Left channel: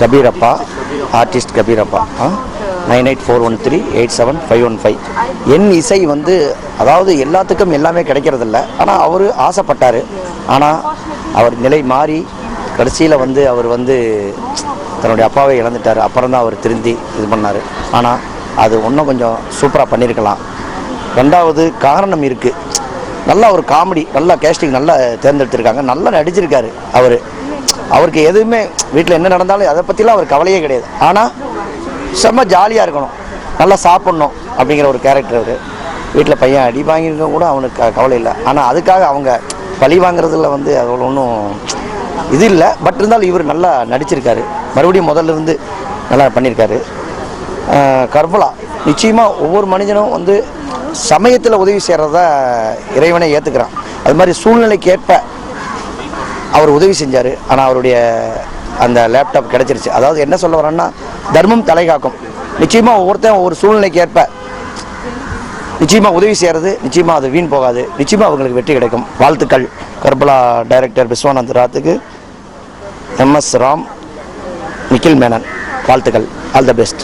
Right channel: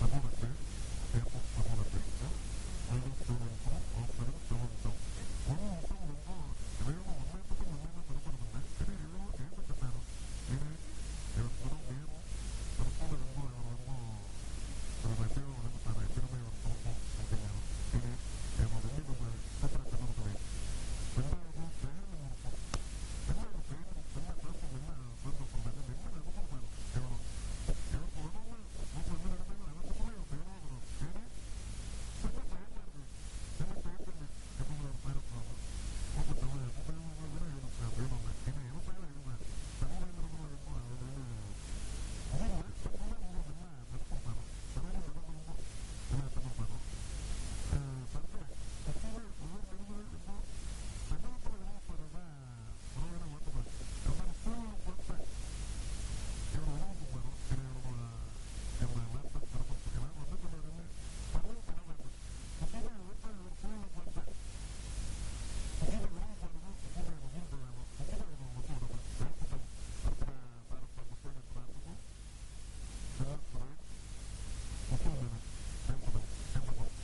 கபீரப்பா, artist கபீரப்பா. 9841387515. என் இசை வந்து அதாவது எல்லாத்துக்கும் எல்லாமே கிடைக்கிறதில்ல. ஆனால் அவர் ஆசைப்பட்டார். ஆனால் அவர் நிலை மாறி கடைசியில் வந்து அவர் வந்து தன்னுடைய அப்பாவை இழந்துட்டார். அப்புறம் தான் அவர் திருந்தி இது பண்ணார். ஆனால் அது இன்னும் கொஞ்சம் சூப்பராக பண்ணியிருக்கலாம். ரெண்டாவது காரணம் இருக்குது. நல்லா ஒரு காமெடி, நல்லா கேஸ்டிங் நல்லா தேர்ந்தெடுத்திருக்காங்க. நல்லா நடிச்சிருக்காரு அவருக்கு எதுவுமே வீட்டில் என்ன நடந்தாலும் அதை பற்றிலாம் அவர் கவலையே கிடையாது. ஆனால் செம்ம ஜாலியாக இருக்கணும், நல்லா சாப்பிட்ணும் அப்படிங்கிற ஒரு கேரக்டர் அவர். வீட்டில் பையன் அடி வாங்கியிருக்க கூட அவனுக்கு கவலை இல்லை. ஆனால் அதுக்காக அவங்க பழி வாங்குறதுல வந்து அவ்வளோ ஒன்றும் இது இல்லை. பட் இருந்தாலும் இவர் நல்லா நடிச்சிருக்காரு. மறுபடியும் முதல்ல இருந்து நல்லா பண்ணியிருக்காரு. கர்பலா நிச்சயமாக ஒவ்வொரு மனிதனும் வந்து சமயத்தில் உதவி செய்கிறதா இறைவனை ஏற்றுக்கிறான். அது மாதிரி சூழ்நிலைக்கு ஏற்ப அவர் உதவி செஞ்சார். ஆனால் அவருடைய அந்த லேப்டாப் கிடச்சிருச்சு. அதாவது என்ன சொல்ல வரேன்னா, தர்மம் தலை காக்கும். நிச்சயமாக ஒவ்வொருத்தன் ஒவ்வொரு சூழ்நிலைக்கு ஏற்ப நிச்சயமாக உதவி செய்கிறது, நிச்சயமாக அது வீண் போகாது. நிச்சயமாக அவங்களுக்கு வெற்றி கிடைக்கும். வாழ்த்துக்கள். கர்பலா டைரக்டர் விஸ்வநாத் ராத்துக்கு, MS ராம், நிக்கில் மேனன் வாழ்த்துக்கள். All the best.